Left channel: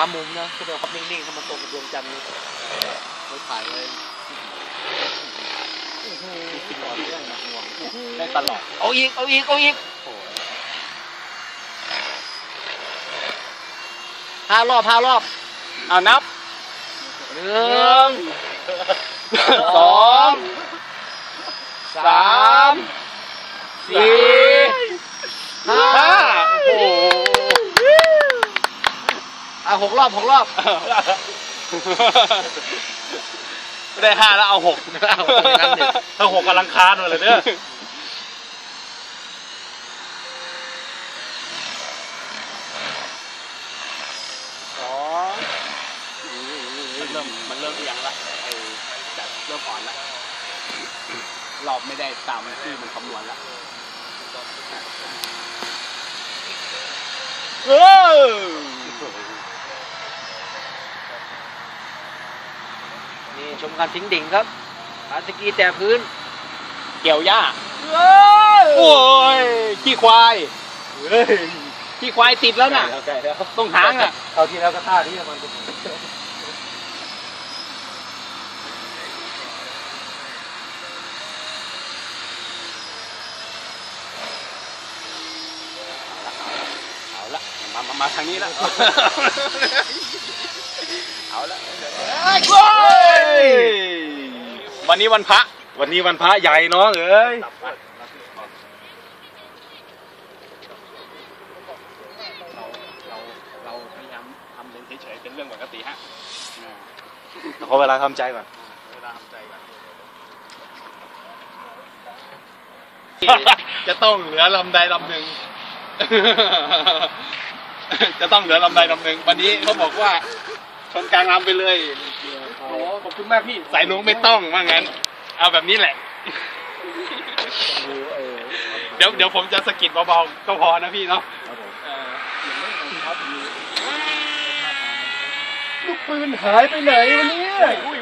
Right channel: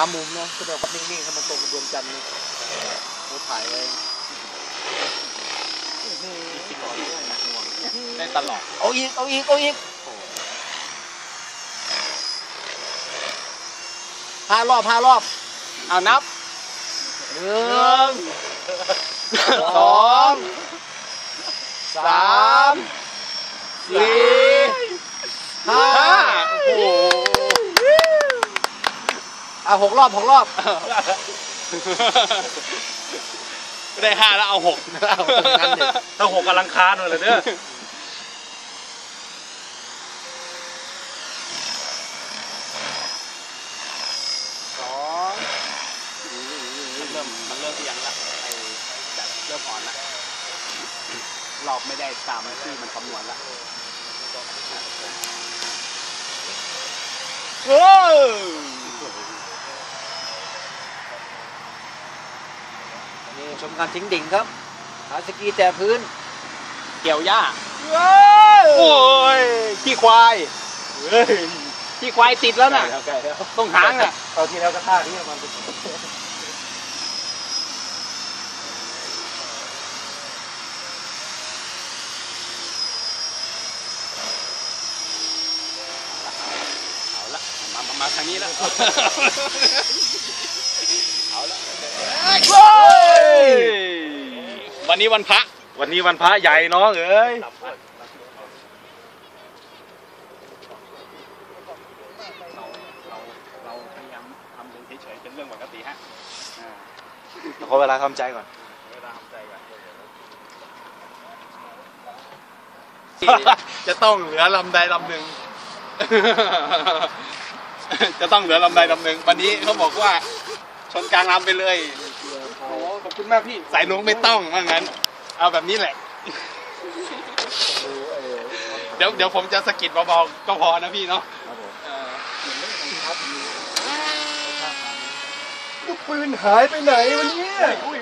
ามุมเนาะก็เดี๋ยวนิ่งๆให้มันตรงกับดวงจันทร์ดูถ่ายเลยได้ตลอดเอาอีกเอาอีกเอาอีกห้ารอบห้ารอบเอานับหนึ่งสองสามสี่ ห้า ห้าโอ้โห อะหกรอบหกรอบ ไม่ได้ห้าแล้วเอาหกเอาอย่างนั้นดิ ถ้าหกกำลังคานเลยเนี่ยเริ่มมันเริ่มเอียงแล้วเออเริ่มอ่อนแล้วเราไม่ได้ตามที่มันคำนวณแล้ว เออ นี่ ชมการทิ้งดิ่งครับอาสกีแต่พื้น เกี่ยวหญ้าโอ้ยขี้ควายขี้ควายติดแล้วน่ะตรงหางอะตอนที่แล้วก็ท่าที่มันเป็นเอาละมามามาทางนี้แล้วเอาละ วันนี้วันพระ วันนี้วันพระใหญ่น้องเอ้ยเรื่องปกติฮะขอเวลาทำใจก่อนจะต้องเหลือลำใดลำหนึ่ง จะต้องเหลือลำใดลำหนึ่ง วันนี้เขาบอกว่า ชนกลางลำไปเลย คุณมากพี่สายลงไม่ต้องว่างั้น เอาแบบนี้แหละ เดี๋ยวเดี๋ยวผมจะสะกิดเบาๆก็พอนะพี่เนาะเออลูกปืนหายไปไหนวันนี้อุ้ย